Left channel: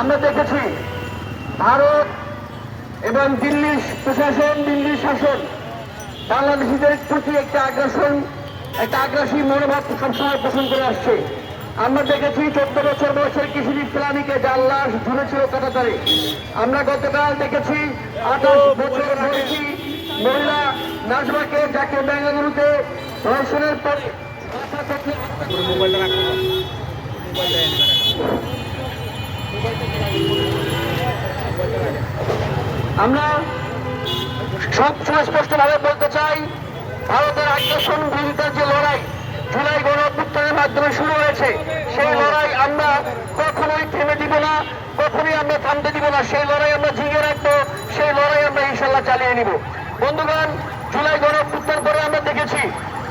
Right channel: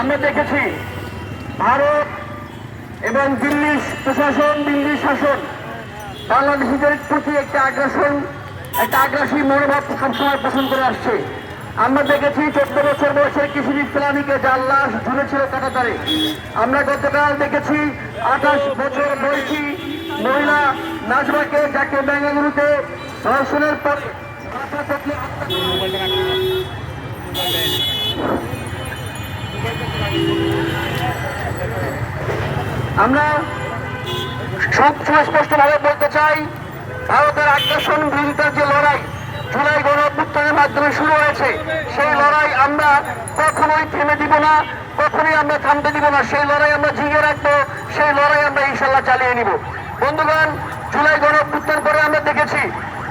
আমরা দেখেছি ভারত এবং দিল্লি প্রশাসন, দিল্লি শাসন বাংলাদেশিদের প্রতি একটা আগ্রাসী মনোভাব সবসময় পোষণ করে আসছে। আমরা দেখেছি 14 বছর বয়সের কিশোরী ফেলানিকে যার লাশ ঝুলেছিল কাঁটাতারে। আমরা গতকাল দেখেছি 28 বছর বয়সী মহিলা নাজমাকে, যাকে বেঙ্গালুরুতে ধর্ষণের পরে আমরা সুস্পষ্টভাবে বলতে চাই, ভারতের আগ্রাসন বিরোধিতার যে লড়াই জুলাই গণঅভ্যুত্থানের মাধ্যমে শুরু হয়েছে, সেই লড়াই আমরা কখনোই থেমে দিব না, কখনোই আমরা থামতে দিব না। সেই লড়াই আমরা জিগে রাখবো, সেই লড়াই আমরা ইনশাল্লাহ চালিয়ে নিব। বন্ধুগণ, জুলাই গণঅভ্যুত্থান পরে আমরা দেখেছি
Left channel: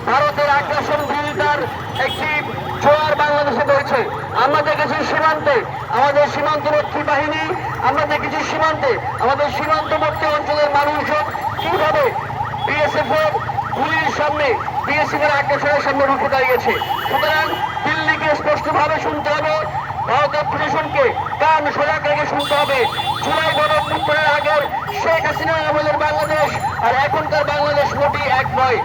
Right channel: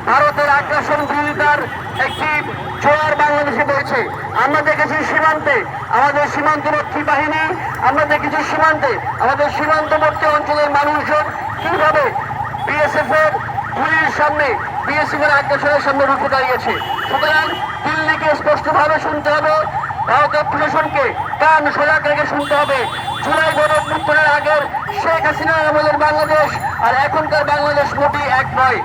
ভারতের আগ্রাসন বিরোধিতার একটি জোয়ার বাংলাদেশে বইছে। আমরা দেখেছি সীমান্তে আমাদের সীমান্তরক্ষী বাহিনী, আমরা দেখেছি সীমান্তে আমাদের সীমান্তবর্তী অঞ্চলের মানুষজন কিভাবে বিএসএফ এর গুলির সামনে, বিএসএফ এর আগ্রাসনের সামনে রুখে দাঁড়িয়েছে। সুতরাং দিল্লিকে স্পষ্টভাবে শুনতে হবে, ভারতের প্রশাসনকে কান সজাগ রেখে শুনতে হবে। জুলাই গণঅভ্যুত্থানের আগের শেখ হাসিনার আমলের বাংলাদেশ আর এখনকার বাংলাদেশ মোটেই এক নয়।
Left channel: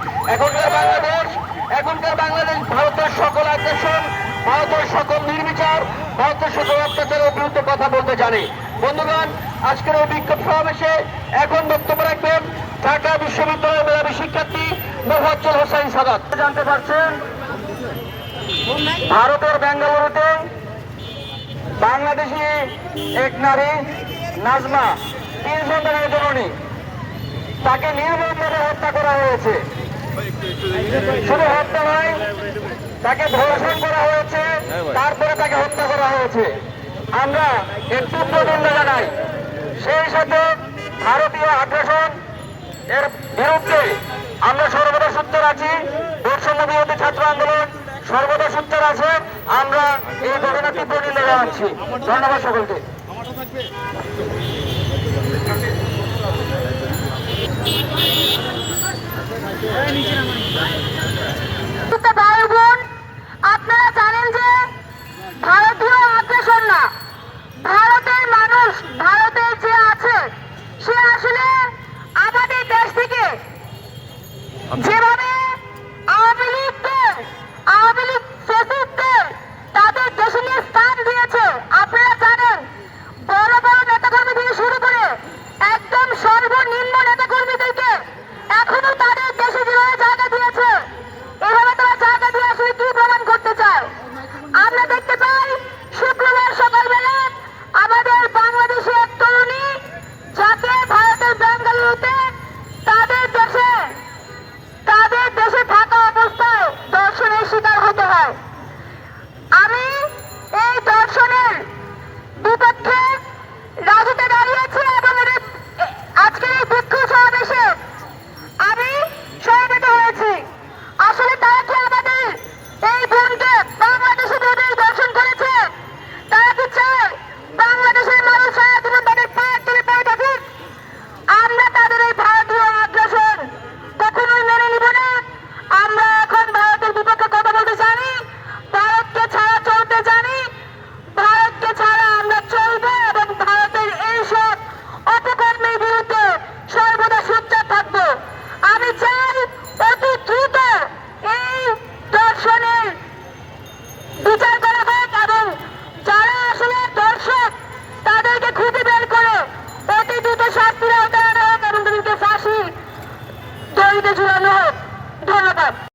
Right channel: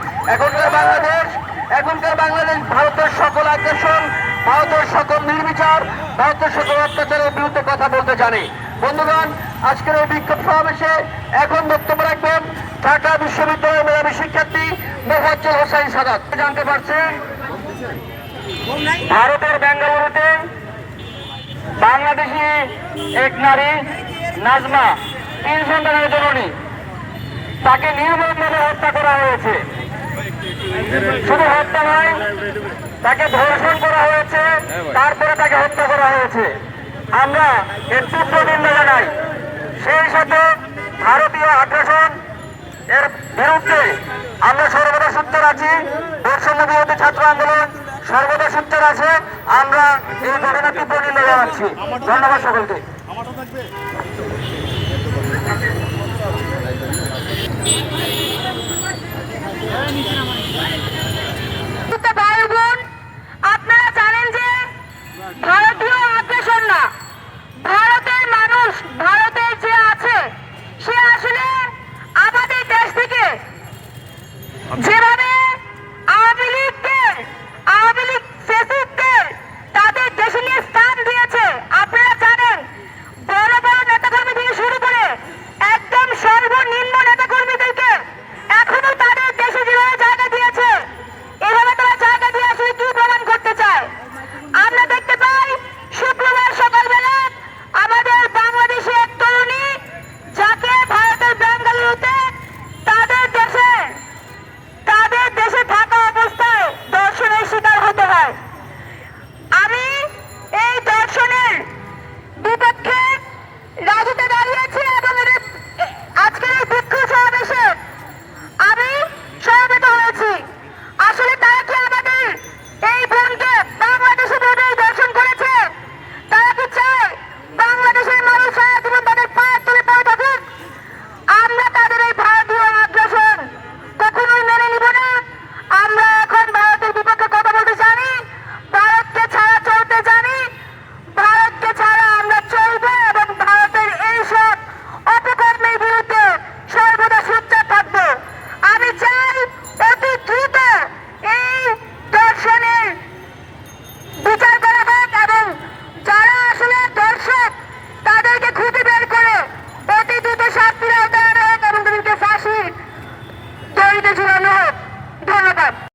এখনকার বাংলাদেশ ভারতের সকল আগ্রাসন, ভারতের সকল নির্বিচার, ভারতের সকল অত্যাচারের বিরুদ্ধে কথা বলতে জানে। বন্ধুগণ, আজকের এই বিক্ষোভ সমাবেশে এখন বক্তব্য রাখবেন ঢাকা বিশ্ববিদ্যালয়ের মেধাবী শিক্ষার্থী মোফাজ্জল হোসাইন সাদাত। জানতে পারছেন ভারতের বেঙ্গালুরুতে বাংলাদেশি এক নারী নাজমা 3 সন্তানের জননী, তাকে নির্মমভাবে হত্যা করা হয়েছে। শুধু হত্যা নয়, তাকে ধর্ষণ করা হয়েছে, তারপরে তাকে হত্যা করা হয়েছে। আমরা এর তীব্র নিন্দা জানাই। সেই সাথে ভারতীয় আগ্রাসন এর বিরুদ্ধে আমরা সর্বদা সোচ্চার আছি। বৈষম্য বিরোধী ছাত্র আন্দোলন সর্বদা সোচ্চার আছে। আমরা এই ঘটনার তীব্র নিন্দা জানাচ্ছি। ধন্যবাদ সকলকে। আপনারা জানেন যে ভারতীয় আগ্রাসন না, ভারতের মানুষ, ভারতের যে আছে সে আসলে আমাদের দেশ থেকে যেভাবে আওয়ামী লীগ ফেসিস্টদের তাদের দেশে নিয়ে স্থান দিয়েছে, আপনারা জানেন বড় বড় নেতাকর্মী থেকে শুরু করে একদম সর্বনিম্ন নেতাকর্মীদেরকে এখনো তাদের দেশে যেভাবে জায়গা দিয়েছে, এভাবে তারা জায়গা দিয়ে আসলে কি প্রমাণ করতে চায়? আমরা দেখতে পাই শুক্রবার সকালবেলা আমাদের বাংলাদেশে এক তরুণী, যাকে ভারতের বেঙ্গালুরুতে তাদের দেশে থাকা অবস্থায় ধর্ষণের শিকার হতে হয়। আমি এই ধর্ষণের বিপক্ষে রাজুতে দাঁড়িয়েছি এবং আজকের এই বিক্ষোভ সমাবেশে আমি সমবেত হয়েছি। আসলে তারা কি আমাদের এই বোনকে বাংলাদেশে দর্শন করেছে? তারা কি চায় বাংলাদেশের মানুষ সারা জীবন তাদের পায়ের তুলে পড়ে থাকুক? আমরা তাদের এই ভারতীয় আগ্রাসন কখনোই মেনে নিব না। আমরা এখন ভারতের বিপক্ষে কথা বলতে জানি, ভারতকে ছাড়া চলতে জানি, ভারতকে ছাড়া আমরা চলবো এবং ভারতের এইসব অপকর্মের বিরুদ্ধে সর্বদা সোচ্চার থাকবো। আমি চাই অতি দ্রুত এই দর্শনের বিচার করা হোক এবং যারা আসলে দর্শক তাদেরকে খুঁজে বের করে অতি দ্রুত শাস্তির আওতায় আনা হোক এবং তাদেরকে ফাঁসি দড়িতে ঝুলানো হোক। ধন্যবাদ।